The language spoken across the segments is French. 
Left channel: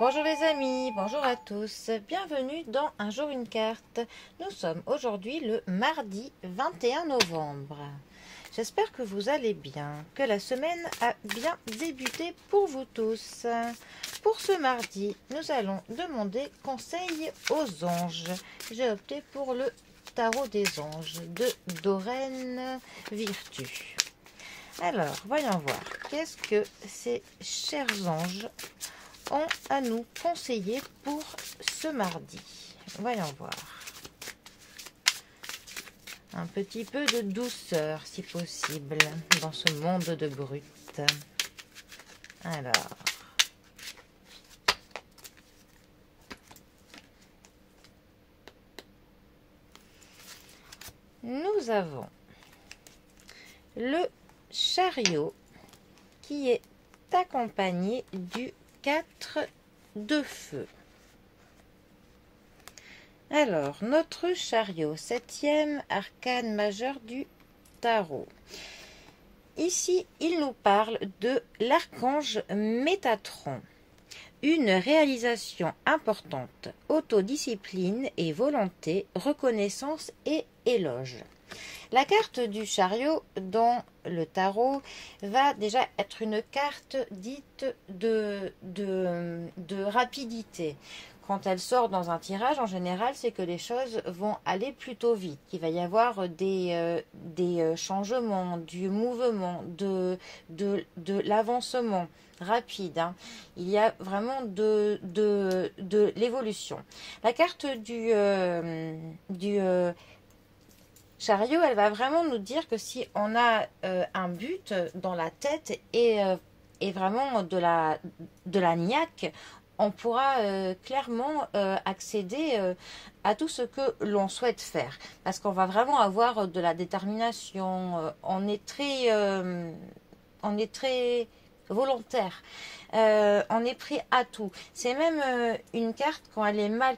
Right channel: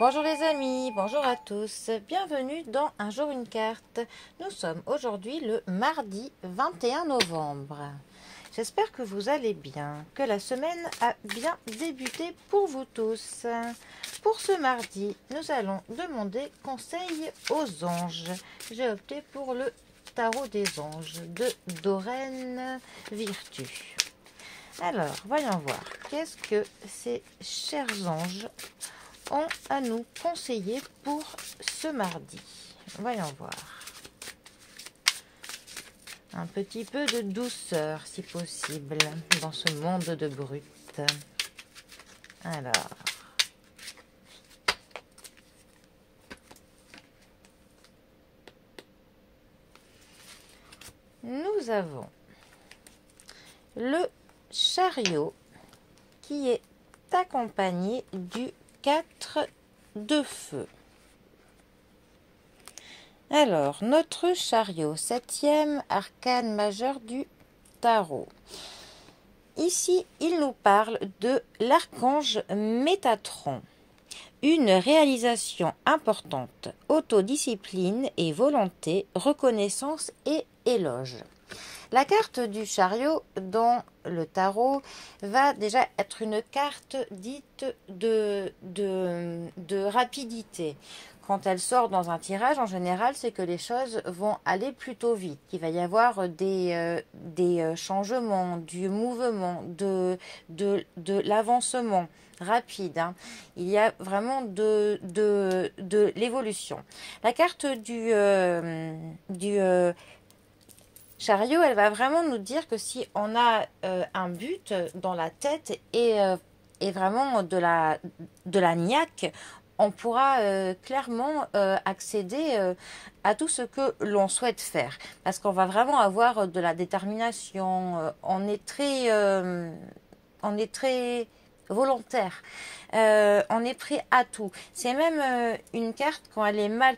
Bonjour les amis, bonjour à tous, bienvenue dans Un jour une carte. Nous sommes aujourd'hui le mardi 21 novembre. J'espère que vous allez bien, que la semaine a bien débuté pour vous tous. Pour ce mardi, nous allons demander conseil aux anges. J'ai opté pour le tarot des anges de Doreen Virtue. Alors, voyons voir, qu'est-ce que ces chers anges ont à nous conseiller pour ce mardi. Voyons voir. Un petit peu de douceur, si possible, dans ce monde de brut. Alors. Nous avons le chariot qui est accompagné du 4 de feu. Alors, notre chariot, 7e arcane majeur du tarot. Ici, il nous parle de l'archange Métatron. Une réalisation importante, autodiscipline et volonté, reconnaissance et éloge. La carte du chariot dans le tarot va déjà être une carte dite de rapidité. Quand elle sort dans un tirage, en général, c'est que les choses vont aller plutôt vite. Il va y avoir des changements, du mouvement, de l'avancement rapide. Hein. Il y a vraiment de l'évolution. La carte du chariot, elle va vraiment nous dire que si on a un but dans la tête et vraiment de la niaque, on pourra clairement accéder à tout ce que l'on souhaite faire. Parce qu'on va vraiment avoir de la détermination, on est très volontaire, on est prêt à tout. C'est même une carte quand elle est mal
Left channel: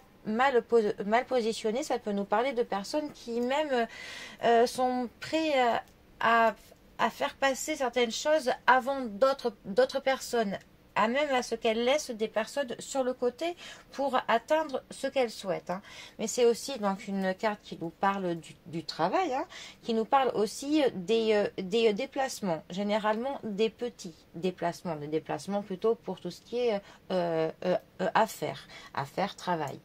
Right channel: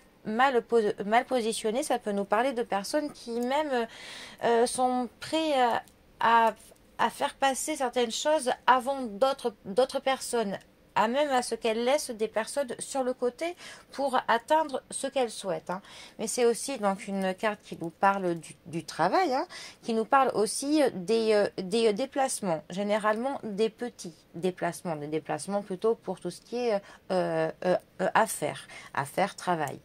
positionnée, ça peut nous parler de personnes qui même sont prêts à faire passer certaines choses avant d'autres personnes, à même à ce qu'elles laissent des personnes sur le côté pour atteindre ce qu'elles souhaitent. Hein. Mais c'est aussi donc une carte qui nous parle du travail, hein, qui nous parle aussi des déplacements, généralement des petits déplacements, des déplacements plutôt pour tout ce qui est affaires, travail.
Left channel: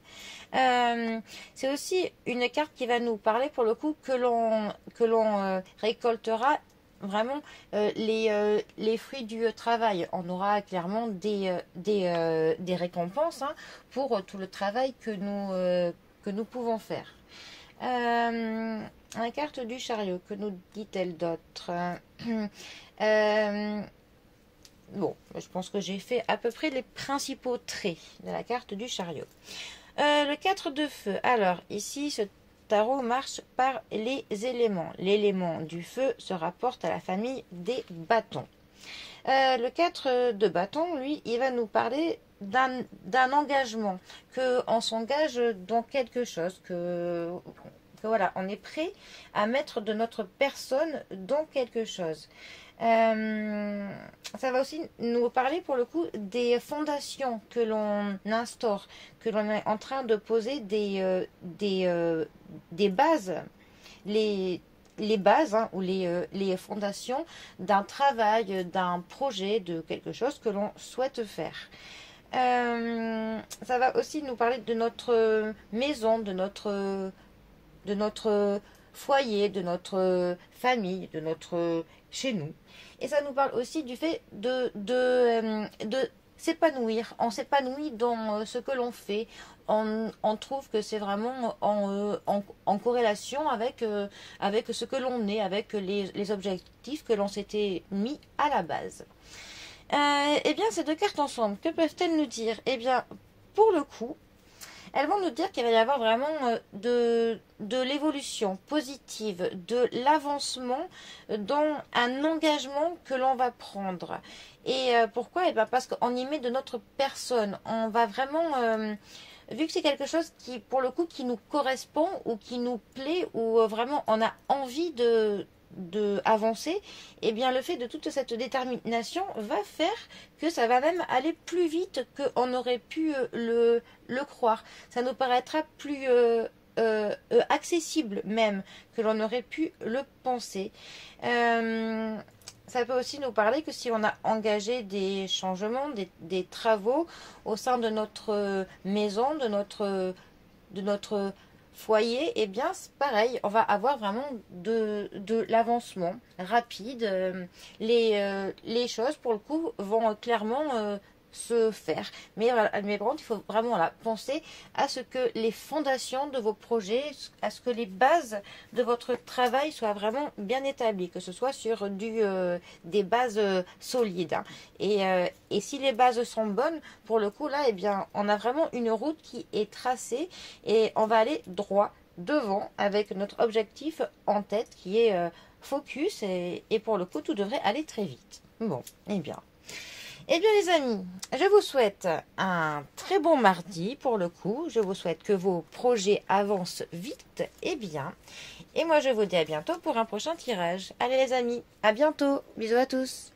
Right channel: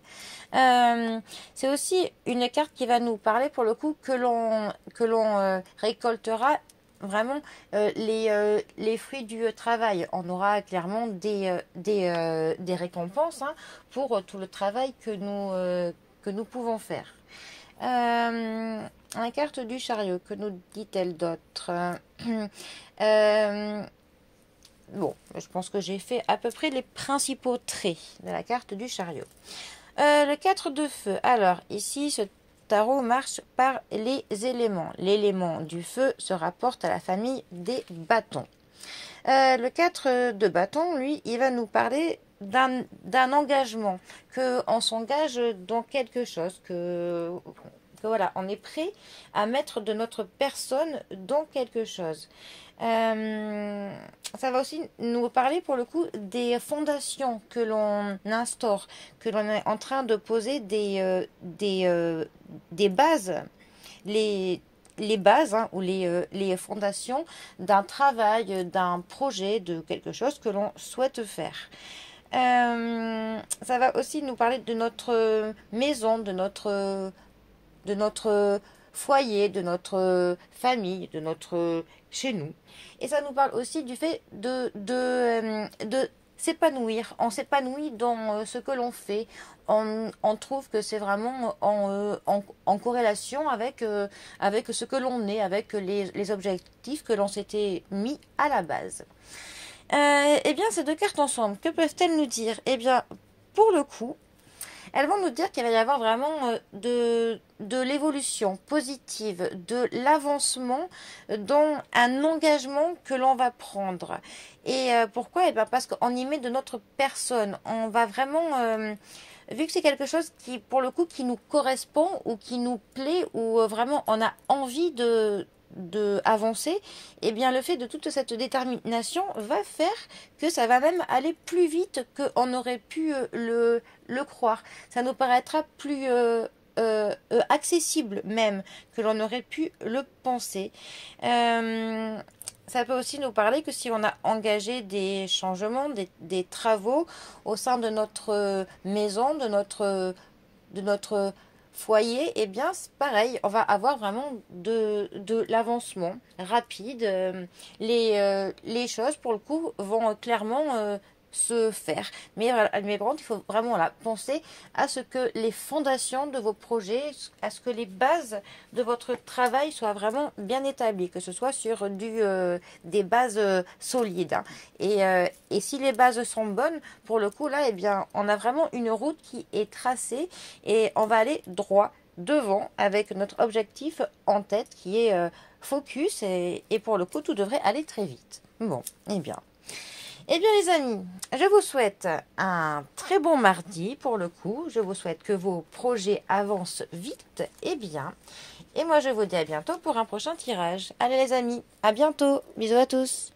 C'est aussi une carte qui va nous parler pour le coup que l'on récoltera vraiment les fruits du travail. On aura clairement des récompenses hein, pour tout le travail que nous pouvons faire. La carte du chariot, que nous dit-elle d'autre? Bon, je pense que j'ai fait à peu près les principaux traits de la carte du chariot. Le 4 de feu. Alors, ici, ce tarot marche par les éléments. L'élément du feu se rapporte à la famille des bâtons. Le 4 de bâton, lui, il va nous parler d'un engagement, qu'on s'engage dans quelque chose, que voilà, on est prêt à mettre de notre personne dans quelque chose. Ça va aussi nous parler pour le coup des fondations que l'on instaure, que l'on est en train de poser des bases, les bases hein, ou les fondations d'un travail, d'un projet, de quelque chose que l'on souhaite faire. Ça va aussi nous parler de notre maison, de notre foyer, de notre famille, de notre chez nous. Et ça nous parle aussi du fait de s'épanouir. On s'épanouit dans ce que l'on fait. On trouve que c'est vraiment en corrélation avec ce que l'on est, avec les objectifs que l'on s'était mis à la base. Eh bien, ces deux cartes ensemble, que peuvent-elles nous dire? Eh bien, pour le coup, elles vont nous dire qu'il va y avoir vraiment de l'évolution positive, de l'avancement dans un engagement que l'on va prendre. Et pourquoi? Eh bien parce qu'on y met de notre personne. On va vraiment, vu que c'est quelque chose qui, pour le coup, qui nous correspond ou qui nous plaît, ou vraiment on a envie de avancer, et bien le fait de toute cette détermination va faire que ça va même aller plus vite qu'on aurait pu le croire. Ça nous paraîtra plus accessible même que l'on aurait pu le penser. Ça peut aussi nous parler que si on a engagé des changements, des travaux au sein de notre maison, de notre foyer, eh bien c'est pareil, on va avoir vraiment de l'avancement rapide. Les choses, pour le coup, vont clairement se faire. Mais par contre, il faut vraiment penser à ce que les fondations de vos projets, à ce que les bases de votre travail soient vraiment bien établies, que ce soit sur des bases solides. Hein. Et si les bases sont bonnes, pour le coup, là, eh bien, on a vraiment une route qui est tracée et on va aller droit devant avec notre objectif en tête qui est focus et pour le coup, tout devrait aller très vite. Bon, eh bien. Eh bien les amis, je vous souhaite un très bon mardi pour le coup. Je vous souhaite que vos projets avancent vite et bien. Et moi je vous dis à bientôt pour un prochain tirage. Allez les amis, à bientôt. Bisous à tous.